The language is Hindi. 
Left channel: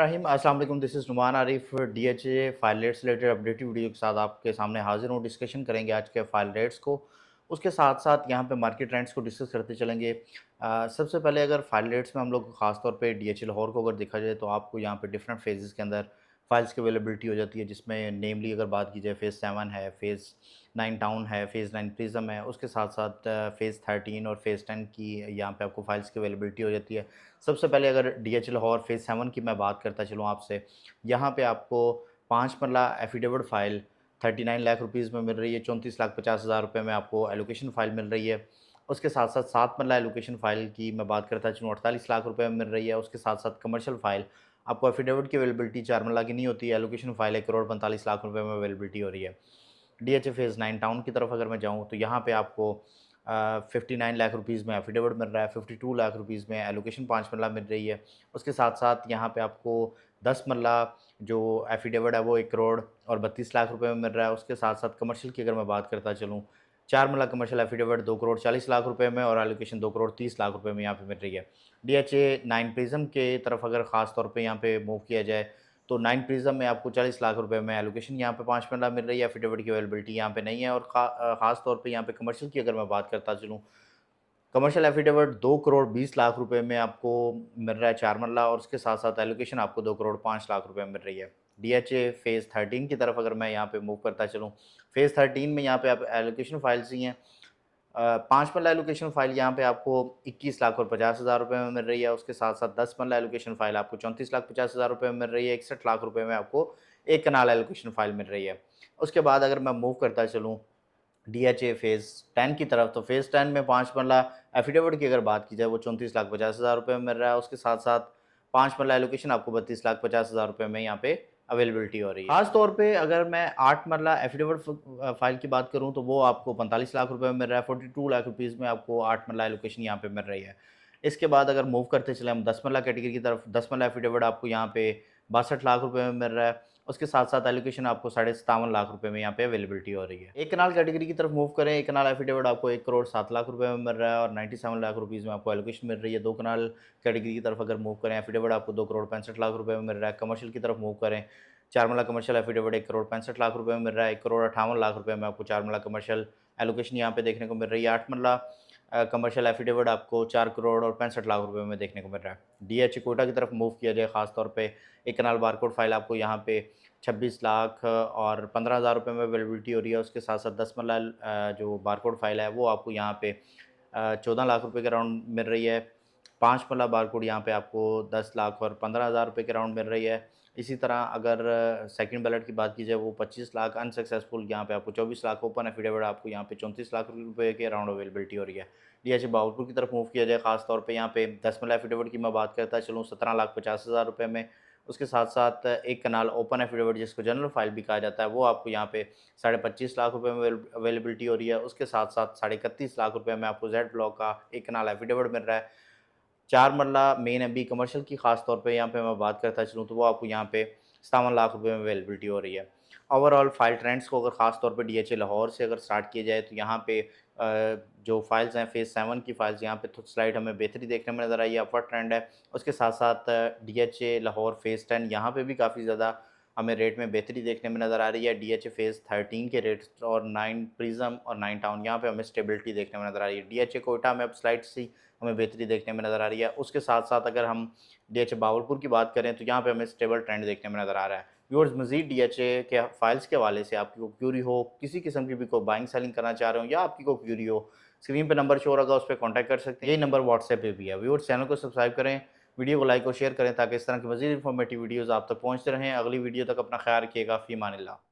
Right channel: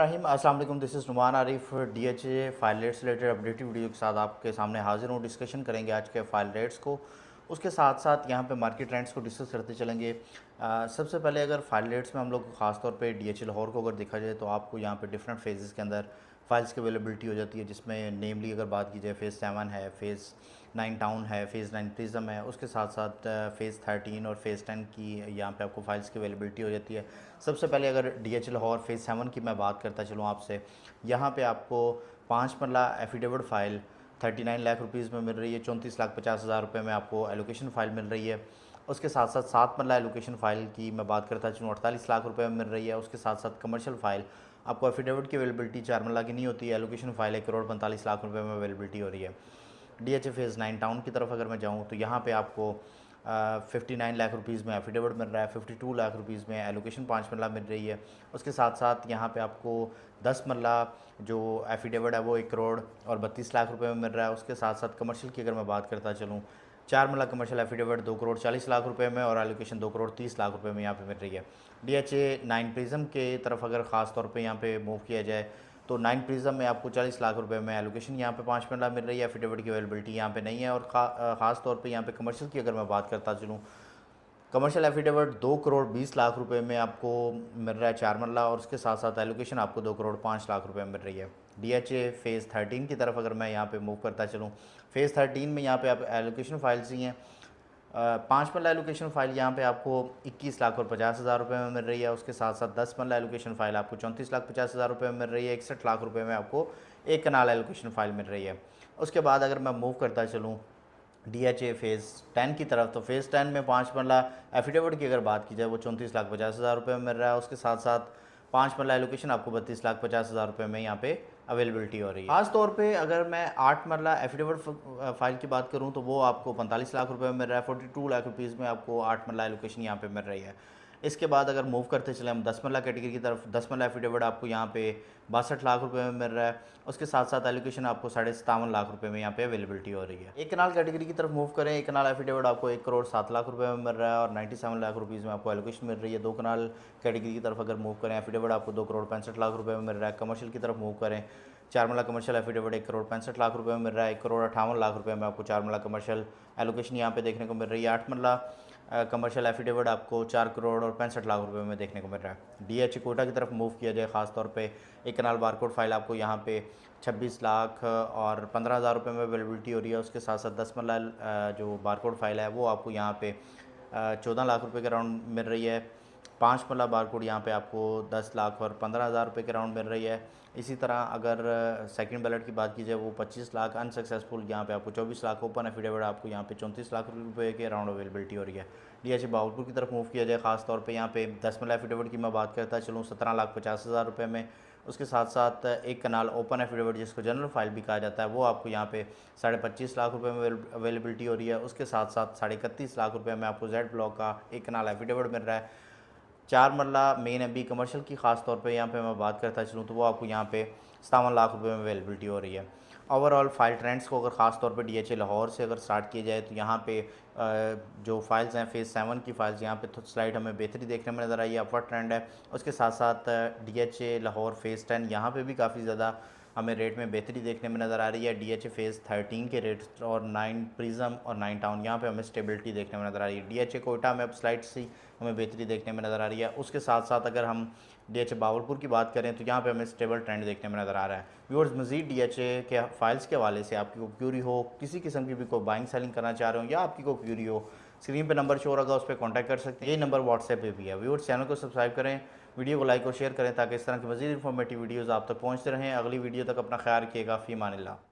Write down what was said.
रहीम अस्सलाम वालेकुम। This is Numan Arif DHA file rates related updated video के साथ आपके सामने हाजिर हूँ। डिस्कशन करेंगे आज के फाइल रेट्स को, उसके साथ साथ यहाँ पे मार्केट ट्रेंड्स को डिस्कस करते चलेंगे। सबसे पहले अगर फाइल रेट्स में हम लोग खास तौर पे डीएचए लाहौर को अगर देखा जाए तो आपको यहाँ पे डिफरेंट फेजेस के अंदर फाइल्स की अवेलेबिलिटी हो जाती है, जिसमें नेमली अगर बात की जाए फ़ेज़ 7 है, फ़ेज़ 9 टाउन है, फ़ेज़ 9 प्रिज्म है, उसके साथ साथ फ़ेज़ 13 और फ़ेज़ 10 की यहाँ पे आपको फाइल्स की अवेलेबिलिटी हो जाती है। सबसे पहले अगर डीएचए लाहौर फ़ेज़ 7 की मैं बात करता चलूँ आपसे, यहाँ पे आपको 5 मरला एफिडेविट फ़ाइल 39 लाख रुपीज़ में मिल रही है, 34,50,000 रुपये में आपको एलोकेशन फ़ाइल मिल रही है। उसके साथ साथ 7 मरला एलोकेशन फ़ाइल की मैं बात करता चलूँ 48 लाख रुपये में मिल रही है। उसके साथ साथ कमर्शियल फ़ाइल आपको एफिडेविट की अवेलेबिलिटी 4 मरला की नहीं होती है, एलोकेशन फ़ाइल 1,45 लाख रुपये में अवेलेबिलिटी हो रही है। डीएचए फ़ेज़ 9 टाउन की तरफ अगर मैं जाऊँ तो यहाँ पे आपको 59 लाख रुपीज़ में एफिडेविट मिल रहा है, 52 लाख रुपीज़ में एलोकेशन 5 मरला मिल रही है। उसके साथ साथ यहाँ पे आपको 10 मरला जो एफिडेविट है वो 1 करोड़ और 32 लाख रुपए में मिल रहा है। उसके साथ साथ कमर्शियल की अगर मैं बात करता चलूँ, 4 मरला कमर्शियल एफिडेविट 2 करोड़ 40 लाख रुपए में और एलोकेशन 2 करोड़ 30 लाख रुपए में यहाँ पे मिल रही है। डीएचए 9 प्रिज्म के तरफ अगर ख़ास तौर पे यहाँ पे मूव किया जाए तो 9 प्रिज्म में आपको 40 लाख रुपए में एलोकेशन यहाँ पे 5 मरला मिल रही है, एफिडेविट की अवेलेबिलिटी यहाँ पे नहीं है। और ख़ास तौर पे यहाँ पे कमर्शियल की अगर मैं बात करता चलूँ, कमर्शियल एफिडेविट 2 करोड़ 20 लाख रुपए में आपको मिल रहा है 4 मरला और उसके साथ साथ एलोकेशन आपको 2 करोड़ 5 लाख रुपए में मिल रही है। डीएचए फ़ेज़ 13 की तरफ अगर मैं यहाँ पे मूव करता चलूँ, फ़ेज़ 13 में यहाँ पे आप एलोकेशन फाइल्स ही हैं। 5 मरला एलोकेशन फ़ाइल यहाँ पे आपको 21 लाख और 50,000 रुपये में मिल रही है। उसके साथ साथ 10 मरला एलोकेशन फ़ाइल आपको 34 लाख 50,000 रुपये में मिल रही है। 61 लाख रुपये में आपको एक कनाल एलोकेशन फ़ाइल मिल रही है। उसके बाद अगर मैं मूव करता चलूँ डीएचए फ़ेज़ 10 की तरफ, तो फ़ेज़ 10 में 5 मरला एफिडेविट की अगर बात की जाए वो 34,50,000 रुपये में मिल रहा है। उसके साथ साथ 5 मरला एलोकेशन आपको 32,50,000 रुपये में यहाँ पे अवेलेबिलिटी हो रही है। खास तौर पे अगर मैं 8 मरला एफिडेविट फ़ाइल की बात करूँ तो वो आपको 45 लाख रुपये में मिल रहा है। 42 लाख रुपीज़ में आपको 8 मरला एलोकेशन यहाँ पे मिल रही है। इसके बाद अगर मूव करते चले हम 10 मरला कैटेगरी की तरफ, 10 मरला एफिडेविट आपको यहाँ पे 62 लाख रुपए में मिल रहा है। उसके साथ साथ एलोकेशन आपको 57.5 लाख रुपए में यहाँ पे अवेलेबिलिटी हो रही है। एक कनाल कैटेगरी की तरफ मूव करें, एक कनाल एफिडेविट आपको 1 करोड़ 7 लाख रुपए में मिल रहा है और 97 लाख रुपीज़ में आपको एलोकेशन मिल रही है। 2 कनाल कैटेगरी की तरफ अगर मूव करें, एफिडेविट आपको 2 करोड़ 65 लाख रुपए में मिल रहा है। कमर्शियल की तरफ मूव करें, 4 मरला कमर्शियल एफिडेविट 1 करोड़ 65 लाख रुपए में मिल रहा है। 1 करोड़ 58 लाख रुपए में आपको 4 मरला कमर्शियल एलोकेशन यहाँ पे देखने को मिल रही है। 8 मरला कमर्शियल एफिडेविट आपको 4 करोड़ और 65 लाख रुपए में देखने को मिल रहा है। डीएचए कोटा की तरफ मूव किया जाए, खास तौर पे एक कनाल बारकोड फाइल आपको यहाँ पे 26 लाख और 15,000 रुपये में अवेलेबिलिटी हो रही है। उसके साथ साथ 10 मरला जो बारकोड फाइल है वो आपको यहाँ पे 14 लाख रुपए के राउंड मिल रही है। 5 मरला बारकोड यहाँ पे आपको 10 लाख और 15,000 रुपये के राउंड मिल रही है। इसी तरह अगर सेकंड बैलेट की बात की जाए वो 25 लाख अनसक्सेसफुल, यहाँ पे आपको 24 लाख ओपन एफिडेविट आपको यहाँ पे 34 लाख रुपए के राउंड अवेलेबिलिटी हो रही है। डीएचए बावलपुर की तरफ मूव किया जाए, खास तौर पे यहाँ पे 10 मरला एफिडेविट की मैं बात करता चलूँ 17,50,000 रुपये में। उसके साथ साथ एक कनाल ओपन एफिडेविट जिसको जनरल फाइल भी कहा जाता है वो आपको यहाँ पे 25.5 लाख रुपये में अवेलेबिलिटी हो रही है। उसके साथ साथ 31.5 लाख रुपये में आपको जेड ब्लॉक का एक कनाल एफिडेविट मिल रहा है। 4 मरला मेन एमबी कमर्शियल की खास तौर पे यहाँ पे मैं बात करता चलूँ तो वो आपको यहाँ पे 57 लाख रुपए में अवेलेबिलिटी हो रही है। ओवरऑल फाइल ट्रेंड्स को अगर खास तौर पे डीएचए लाहौर से अगर स्टार्ट किया जाए तो यहाँ पे जो फाइल्स हैं फ़ेज़ 7 की फाइल्स यहाँ पे स्लाइड हमें बेहतरी देखने में नज़र आई है, अपवर्ड ट्रेंड है। उसके साथ साथ डीएचए लाहौर फ़ेज़ 10 यहाँ पे भी काफ़ी ज़्यादा हमें रेट में बेहतरी देखने में नज़र आ रही है। डीएचए फ़ेज़ 13 के रेट्स और 9 प्रिज्म और 9 टाउन यहाँ पे हमें स्टेबिलिटी देखने में नज़र आ रही है। डीएचए कोटा में अब स्लाइड से हमें बेहतरी देखने में नज़र आ रही है। उसके साथ साथ अगर हम डीएचए बावलपुर की बात करें तो यहाँ पे हमें स्टेबल ट्रेंड देखने में नज़र आ रहा है। व्यूअर्स, मज़ीद डीएचए के फाइल्स के हवाले से आपकी कोई क्यूरी हो, किसी किस्म की भी कोई बाइंग सेलिंग करना चाह रहे हो या आपकी कोई क्यूरी हो, स्क्रीन पे नंबर शो होगा, उस पर कॉन्टैक्ट कर सकते हैं। यही नंबर व्हाट्सएप पे भी है। व्यूअर्स, चैनल को सब्सक्राइब करें, वीडियो को लाइक और शेयर करें ताकि इस तरह की मज़ीद इन्फॉर्मेटिव वीडियोज़ आप तक पहुँचते रहें। अगली वीडियो तक अपना ख्याल रखिएगा। फ़ी अमानिल्लाह।